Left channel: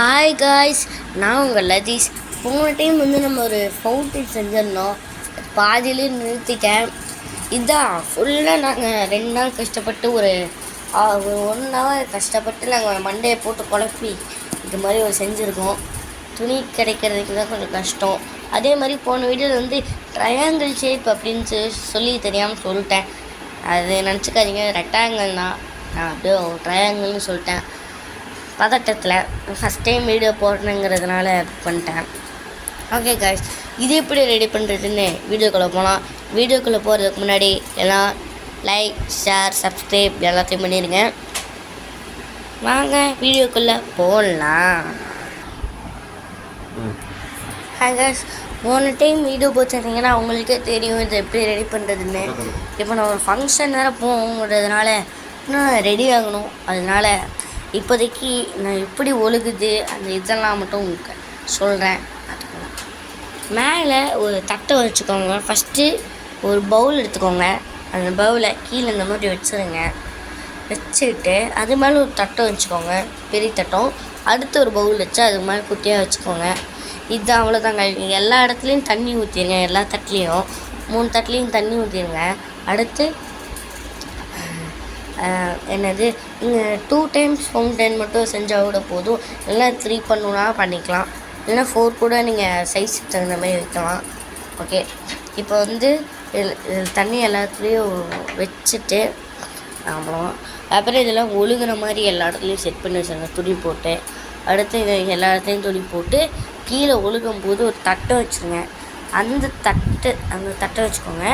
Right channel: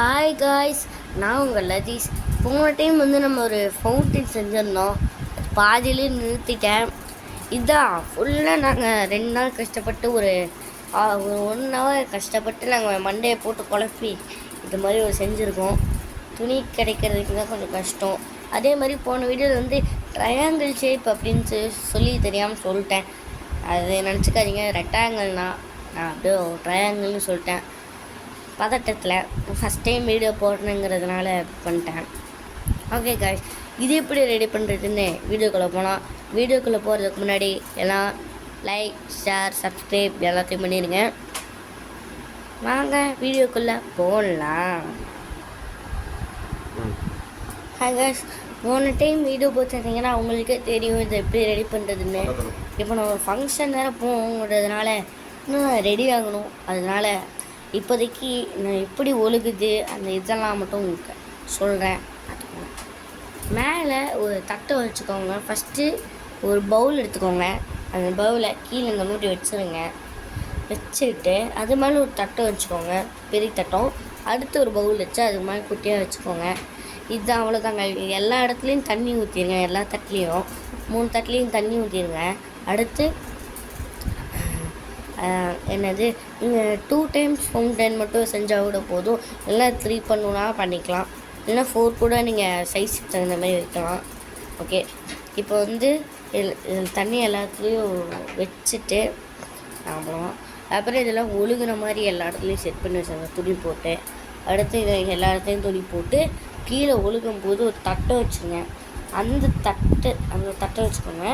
Hi guys, நான் உங்கள் லதீஷ். போன டைம் நம்ம ஒரு ஃபவுண்டைன் செஞ்சிருந்தோம், பாதியிலே நிறுத்திட்டேன். இதுதான் ஃபுல்லாக நாங்கள் 2 நாள் கஷ்டப்பட்டு ஒரு 1 ஹவர் கஷ்டப்பட்டு நாங்கள் மண்டையை போட்டு குழப்பி இது மாதிரி ஒரு செஞ்சுருக்கோம். துணி கிடைக்கிறதுக்கு தான் கொஞ்சம் கஷ்டம். அதே மாதிரி போன வீடியோவில் ட்ரையாங்கிள் ஷேப் அப்படின்னு சொல்லி தெரியாமல் சொல்லிட்டேன். அது நினச்சிக்காதீங்க, ரெக்டாங்கிள் தான். நான் அப்படியே ஒரு ட்ரையாங்கிள்னு சொல்லிட்டேன். பதட்டத்தில் ஃபஸ்ட் டைம் வீடியோ போடணுங்கிறதுனால பண்ணிட்டேன். ஓகே காய்ஸ், இது எப்படி ரெடி பண்ணுறதுன்னு வீடியோக்குள்ளே போகலாம். வீடியோக்குள்ளே போகிறதுக்கு முன்னாடி எல்லாம் லைக், ஷேர், சப்ஸ்கிரைப் எல்லாத்தையும் பண்ணிடுங்க. வாங்க வீடியோக்குள்ளே போடலாம். ஹாய் காய்ஸ், போன டைம் வீடியோ போச்சிருந்தீங்கன்னா உங்களுக்கே தெரியும் இது எப்படி ரெடி பண்ணுறதுன்னு. இப்போ நான் ஒரு ஃபங்க்ஷன் வேறு போகுங்கிறதுனால இன்னும் ரெடி ஆகணும். அதனால் இப்போதைக்கு நான் எப்படி ஒழுகுது அந்த இதெல்லாம் மட்டும் உங்களுக்கு சொல்கிறேன். மேலே ஒரு தட்டை வச்சுக்கோங்க. ஃபஸ்ட்டு ஒரு பவுல் எடுத்துக்கோங்க. அந்த பவுலை கீழே இந்த மாதிரி வச்சுருங்க. வச்சுட்டு அது மேலே ஒரு தட்டை வச்சுக்கோங்க, பெரிய தட்டம். அடுத்து ஒரு பவுல் வச்சு அது மாதிரி குட்டியாக வச்சுக்கோங்க. இதுதான், அவ்வளோதாங்க. எல்லா இடத்துலையும் தண்ணி ஊற்றிடுங்க. எல்லா தட்டுலேயும் 3 தட்டுலேயும் தண்ணி ஊற்றிடுங்க. அடுத்து என்னது, நீங்கள் 2 டைம்ஸ் ஃபவுண்டைன் மட்டும் செஞ்சால் கூட போதும். இல்லைனா 3 பண்ணணுன்னா பண்ணிக்கலாம். இல்லைனா 4 கூட நீங்கள் சைஸுக்கு தகுந்த மாதிரி வைக்கலாம். ஓகே, இப்போ தண்ணி எல்லாத்துலேயும் வச்சுட்டு அப்புறம் இதெல்லாம் ஒழுகுற மாதிரி எல்லா இடத்துலையும் செட் பண்ணி வச்சுருங்க, துணி போட்டு. அடுத்து இது எல்லா இடத்துலையும் துணி போட்டு கீழே ஒழுகும் போது ஒரு தட்டை வச்சுருங்க. அந்த தட்டை வச்சுக்கோங்க.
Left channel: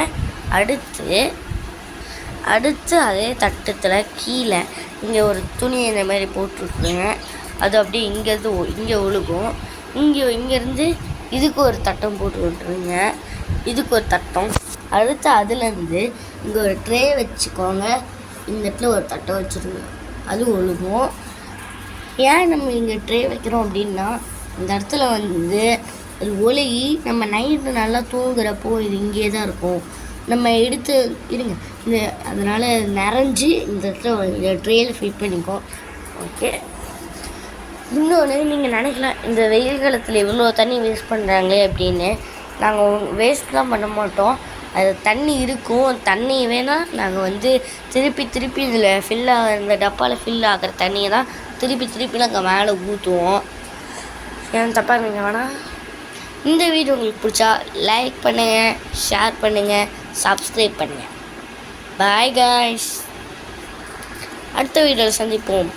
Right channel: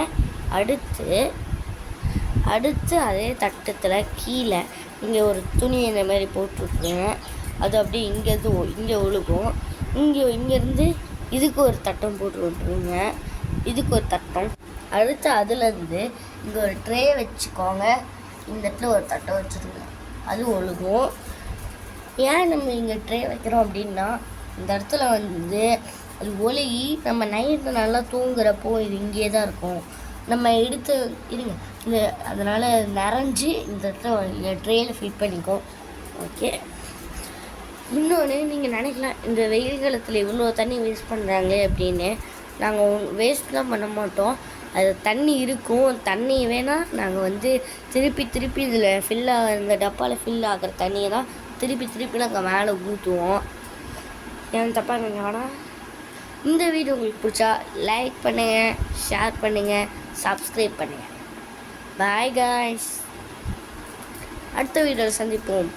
அடுத்து அதே தட்டத்தில் கீழே இங்கே ஒரு துணி இந்த மாதிரி போட்டுருக்குங்க. அது அப்படியே இங்கே ஒழுகும். இங்கேருந்து இதுக்கு ஒரு தட்டம் போட்டு விட்டுருங்க. இதுக்கு ஒரு தட்டம். அடுத்து அதுலேருந்து இங்கே ஒரு ட்ரே வச்சுக்கோங்க. இந்த இடத்துல ஒரு தட்டம் வச்சுருங்க, அது ஒழுகும். ஏன் நம்ம இங்கே ட்ரே வைக்கிறோம் அப்படின்னா, இந்த இடத்துல அது ஒழுகி நம்ம நைட்டு நல்லா தூங்குறப்போ இது இங்கே தான் இருக்கும். நம்ம எடுத்து இருங்க இது, அதனால் நிறைஞ்சி இந்த இடத்துல ட்ரெயில் ஃபிட் பண்ணிக்கோ. ஓகே, இன்னொன்று நீங்கள் நினைக்கலாம், இந்த வெயில் காலத்தில் இவ்வளோ தண்ணி வேஸ்ட் பண்ணுறாங்களே அப்படின்னு. நாங்கள் வேஸ்ட்லாம் பண்ண மாட்டோம். அது தண்ணி இருக்கும். தண்ணி வேணால் நாங்கள் திருப்பி இதில் இந்த டப்பாவில் ஃபில் ஆகிற தண்ணியை தான் திருப்பி நாங்கள் மேலே ஊற்றுவோம். ஏன் தப்பாக இருந்தீங்க வேணால். இந்த வீடியோ உங்களுக்கு பிடிச்சா லைக் பண்ணுங்கள், ஷேர் பண்ணுங்கள், சப்ஸ்கிரைப் பண்ணுங்கள். பாய் காய்ஸ், அடுத்த வீடியோவில் சந்திப்போம்.